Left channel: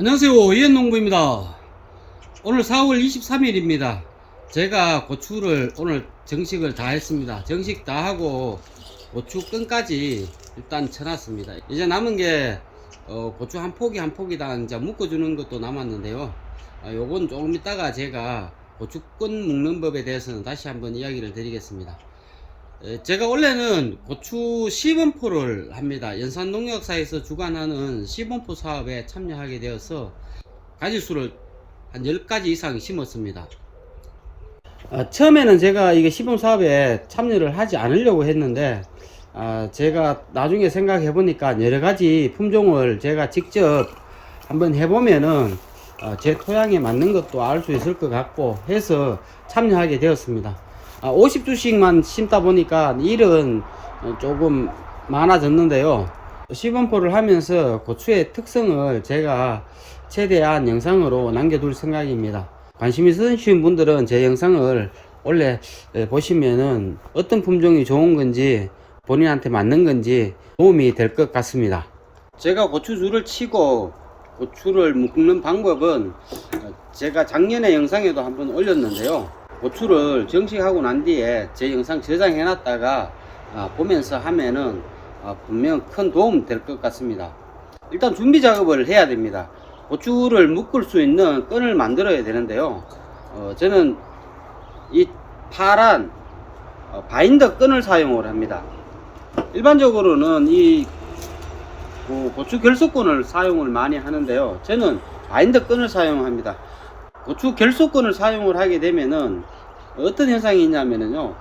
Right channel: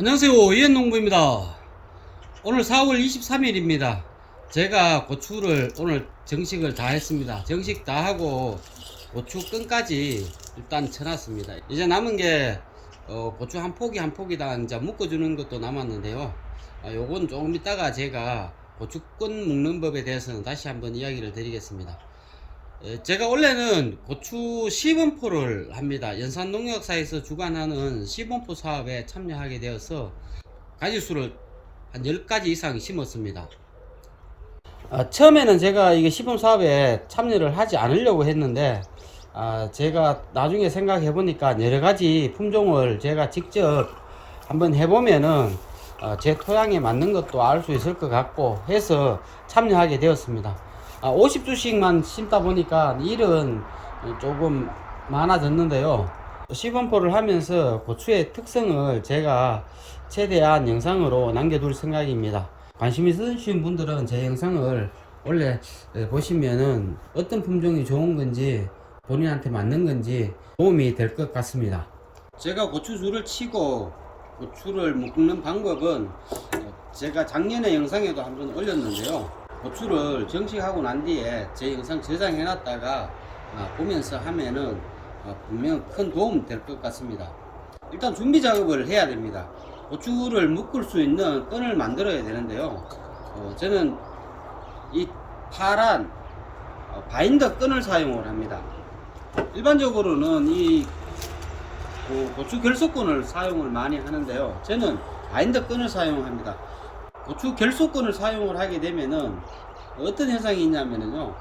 안녕하세요, 이현농부입니다. 오늘 4월 23일입니다 제가 고추를 오늘 정식을 다 했습니다. 정식 다 하고 고추 끈까지 일단 쳐놨습니다. 이제 남은 게 고추 한 포기 한 포기당 이제 묶어주는 것도 남았는데요. 요건 조금 이따가 제가 고추 끈 묶는 법에 대해서는 다시 한번 이야기를 드리겠습니다. 제가 원래는 고추 시범포를 합니다. 연산농약사에서 주관하는 시범포 사업에 참여하게 되어서 가지수를 한 10가지 이상 심었습니다. 처음에는 제가 이게 시범 사업에 참여를 하지 않으려고 했는데 제가 나중에 생각해 보니까 여러 가지 품종을 제가 직접 한번 해보면은 제 토양에 맞는 것도 알 수 있을 것 같고 해서 참여하게 되었습니다. 50주씩만 심다 보니까 일은 조금 많아졌는데요. 시범포를 하면서 고추의 특성을 제가 최대한 영상으로 남겨둘 생각입니다. 관심 있으신 분들은 제 영상을 원래 보시면은 어떤 품종이 좋은 건지 본인한테 맞는 건지 도움이 될 것 같습니다. 제가 고추줄을 치고 고추를 묶는 방법은 제가 작년에 영상에도 한번 올렸는데요. 고추를 정식하고 난 뒤에 제 영상 저장해 놨다가 보면서 하면은 분명 큰 도움 될 것 같습니다. 일단 준비 작업을 해야 됩니다. 고추를 묶을 수 있는 끈을 만들어야 되는데요. 저는 이 파란 바인더 끈을 사용을 합니다. 일반적으로는 이 고추 결속끈을 사용을 많이 하는데요. 저는 바인더 끈을 사용합니다. 고추 결속끈을 사용을 하게 되면은 어떤 현상이 있냐면요,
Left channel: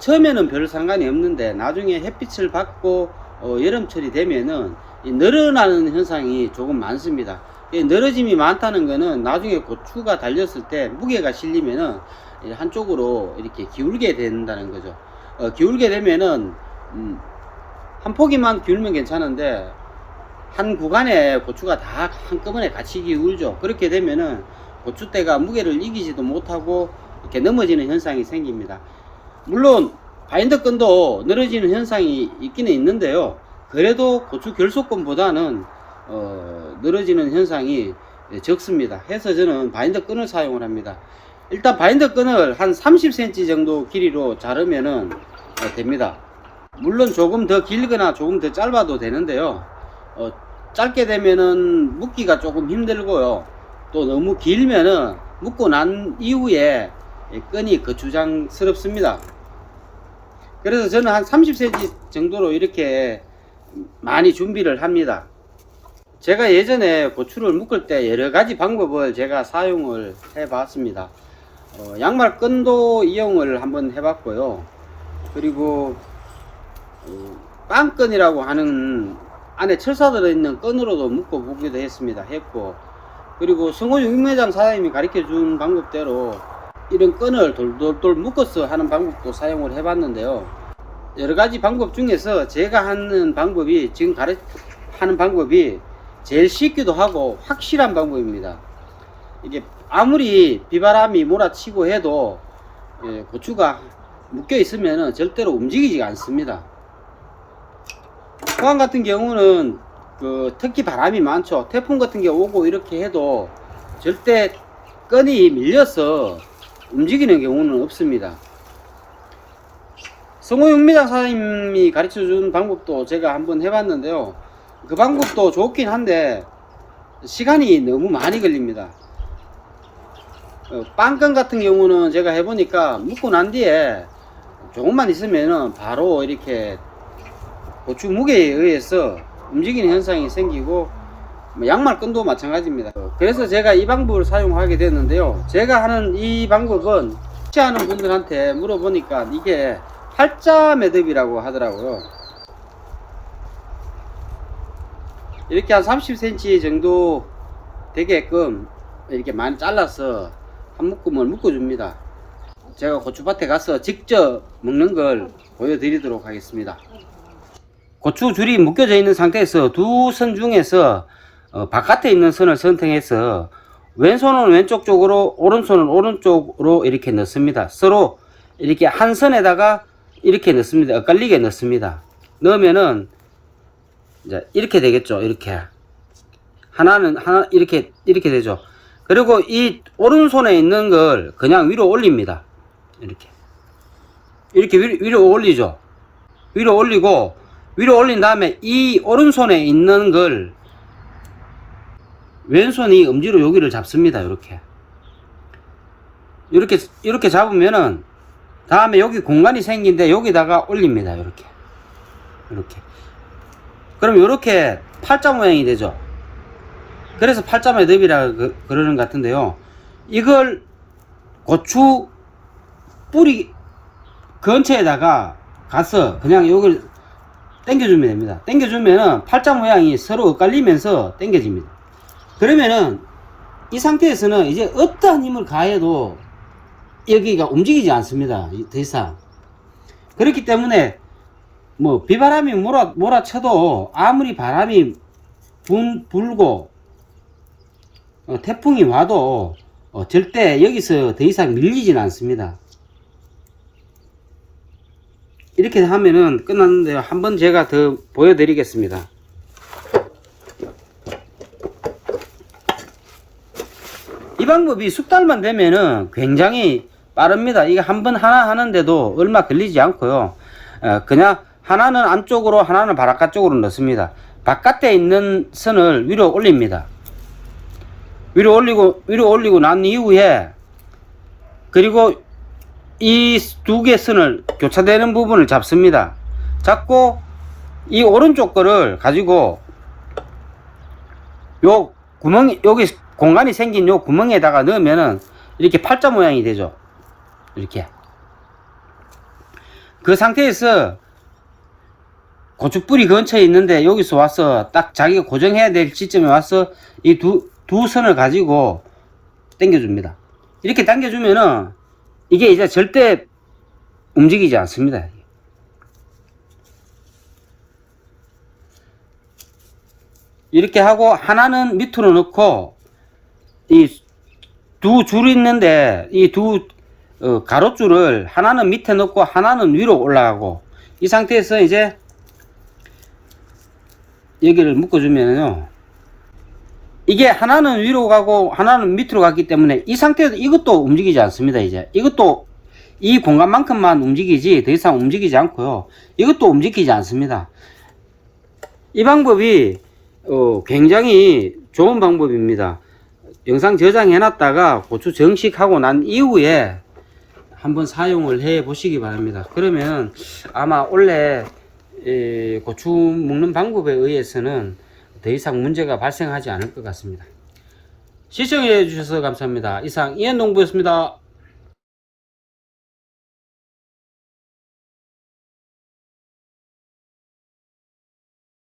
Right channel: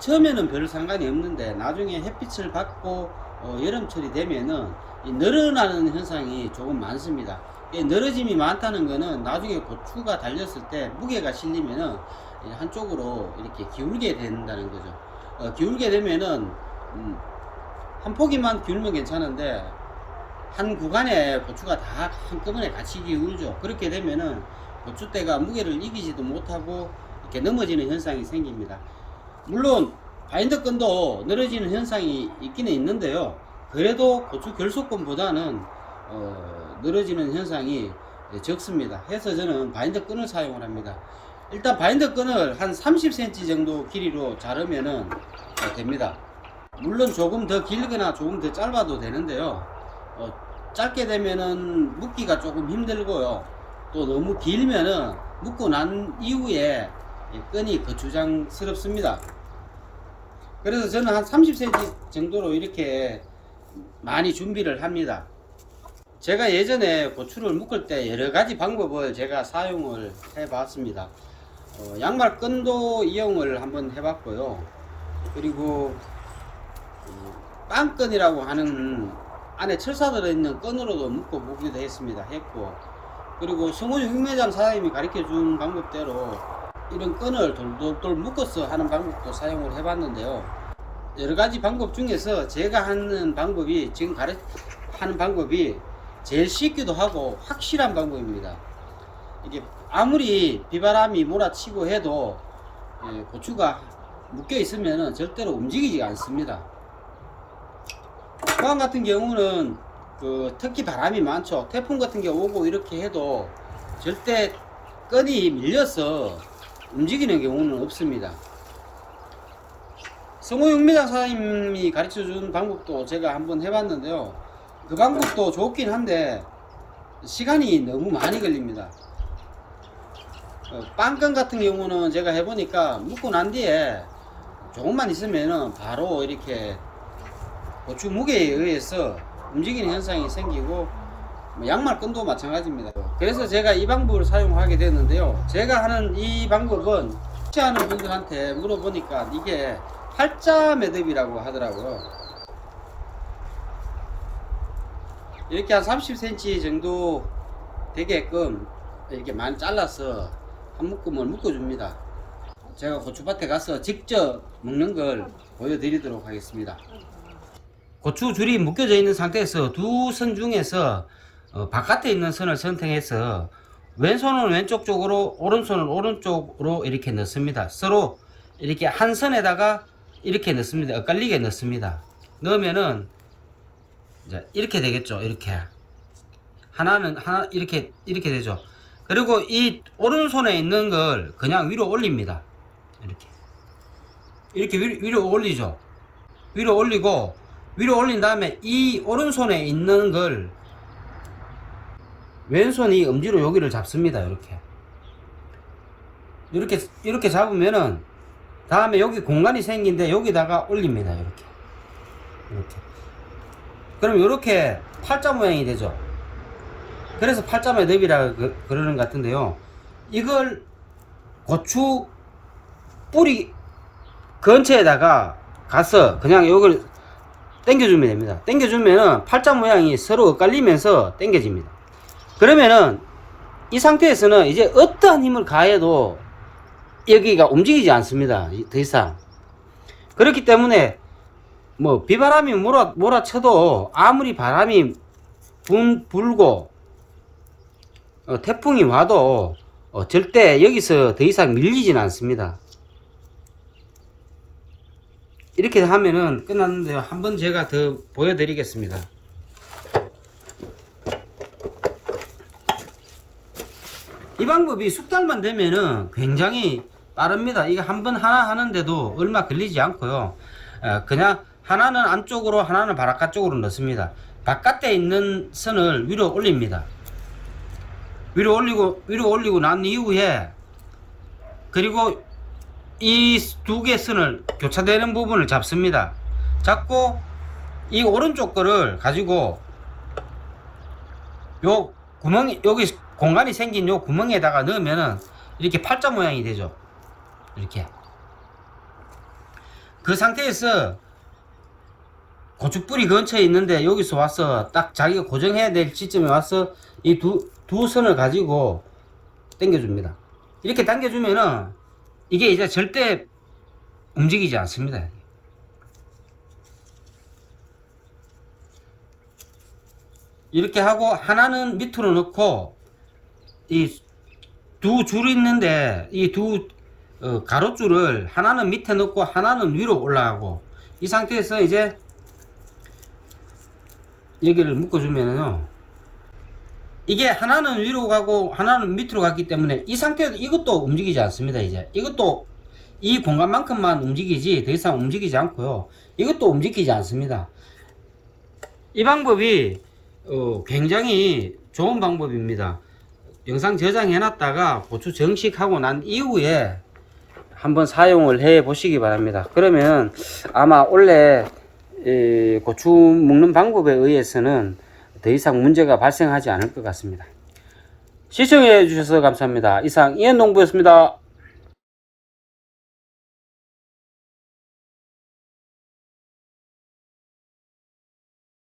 처음에는 별 상관이 없는데 나중에 햇빛을 받고 여름철이 되면은 이 늘어나는 현상이 조금 많습니다. 늘어짐이 많다는 것은 나중에 고추가 달렸을 때 무게가 실리면은 한쪽으로 이렇게 기울게 된다는 거죠. 기울게 되면은 한 포기만 기울면 괜찮은데 한 구간에 고추가 다 한꺼번에 같이 기울죠. 그렇게 되면은 고추대가 무게를 이기지도 못하고 이렇게 넘어지는 현상이 생깁니다. 물론 바인더 끈도 늘어지는 현상이 있기는 있는데요. 그래도 고추 결속끈보다는 늘어지는 현상이 적습니다. 해서 저는 바인더 끈을 사용을 합니다. 일단 바인더 끈을 한 30cm 정도 길이로 자르면은 됩니다. 물론 조금 더 길거나 조금 더 짧아도 되는데요. 짧게 되면은 묶기가 조금 힘들고요. 또 너무 길면은 묶고 난 이후에 끈이 거추장스럽습니다. 그래서 저는 한 30cm 정도로 이렇게 많이 준비를 합니다. 제가 예전에 고추를 묶을 때 여러 가지 방법을 제가 사용을 해 봤습니다. 양말 끈도 이용을 한번 해 봤고요. 그리고 빵끈이라고 하는 안에 철사 들어있는 끈으로도 묶어 보기도 했고, 그리고 성호 육매장 사장님이 가르쳐 준 방법대로 이런 끈을 돌돌돌 묶어서 하는 방법도 사용을 해 봤는데요. 여러 가지 방법 중에서 제가 하는 방법이, 지금 하는 방법이 제일 쉽기도 하고 확실한 방법입니다. 이게 아무리 비바람이 몰아치고 해도 고추가 묶여 있으면 절대로 움직이지 않습니다. 포항 같은 경우는 특히 바람이 많죠. 태풍 같은 게 오고 이렇게 해도 절대 끈이 밀려서 움직이는 경우는 없습니다. 성호육미장 사장님이 가르쳐 준 방법도 제가 한번 해봤는데요. 그 방법도 좋긴 한데 시간이 너무 많이 걸립니다. 빵끈 같은 경우는 제가 해보니까 묶고 난 뒤에 조금만 있으면은 바로 이렇게 고추 무게에 의해서 움직이는 현상이 생기고, 양말 끈도 마찬가지입니다. 그래서 제가 이 방법을 사용하게 됐는데요. 제가 하는 이 방법은 혹시 하는 분들한테 물어보니까 이게 팔자 매듭이라고 하더라고요. 이렇게 한 30cm 정도 되게끔 이렇게 많이 잘라서 한 묶음을 묶어줍니다. 제가 고추밭에 가서 직접 묶는 걸 보여드리도록 하겠습니다. 고추 줄이 묶여져 있는 상태에서 두 선 중에서 바깥에 있는 선을 선택해서 왼손은 왼쪽 쪽으로, 오른손은 오른쪽으로 이렇게 넣습니다. 서로 이렇게 한 선에다가 이렇게 넣습니다. 엇갈리게 넣습니다. 넣으면은 이제 이렇게 되겠죠. 이렇게 하나는 하나 이렇게 되죠. 그리고 이 오른손에 있는 걸 그냥 위로 올립니다. 이렇게 위로 올리죠. 위로 올리고, 위로 올린 다음에 이 오른손에 있는 걸 왼손이 엄지로 여기를 잡습니다. 이렇게 잡으면은 다음에 여기 공간이 생긴데 여기다가 올립니다. 이렇게. 그럼 이렇게 팔자 모양이 되죠. 그래서 팔자 매듭이라 그러는 것 같은데요. 이걸 고추 뿌리 근처에다가 가서 그냥 이걸 당겨주면 됩니다. 당겨주면은 팔자 모양이 서로 엇갈리면서 당겨집니다. 그러면은 이 상태에서는 이제 어떠한 힘을 가해도 여기가 움직이지 않습니다. 더 이상. 그렇기 때문에 뭐 비바람이 몰아쳐도 아무리 바람이 불고 태풍이 와도 절대 여기서 더 이상 밀리진 않습니다. 이렇게 하면은 끝났는데요. 한번 제가 더 보여드리겠습니다. 이 방법이 숙달만 되면은 굉장히 빠릅니다. 이게 한 번 하나 하는데도 얼마 걸리지 않고요. 그냥 하나는 안쪽으로 하나는 바깥 쪽으로 넣습니다. 바깥에 있는 선을 위로 올립니다. 위로 올리고 난 이후에, 그리고 이 두 개 선을 교차되는 부분을 잡습니다. 잡고 이 오른쪽 거를 가지고 요 구멍, 여기 공간이 생긴 요 구멍에다가 넣으면은 이렇게 팔자 모양이 되죠. 이렇게. 그 상태에서 고추뿌리 근처에 있는데 여기서 와서 딱 자기가 고정해야 될 시점에 와서 이 두 선을 가지고 당겨줍니다. 이렇게 당겨주면은 이게 이제 절대 움직이지 않습니다. 이렇게 하고 하나는 밑으로 넣고, 이 두 줄이 있는데 이 두 가로줄을 하나는 밑에 넣고 하나는 위로 올라가고, 이 상태에서 이제 여기를 묶어주면요, 이게 하나는 위로 가고 하나는 밑으로 갔기 때문에 이 상태에서 이것도 움직이지 않습니다. 이제 이것도 이 공간만큼만 움직이지 더 이상 움직이지 않고요, 이것도 움직이지 않습니다. 이 방법이 굉장히 좋은 방법입니다. 영상 저장해 놨다가 고추 정식하고 난 이후에 한번 사용을 해 보시기 바랍니다. 그러면 아마 원래 고추 묶는 방법에 의해서는 더 이상 문제가 발생하지 않을 것 같습니다. 시청해 주셔서 감사합니다. 이상 이현농부였습니다.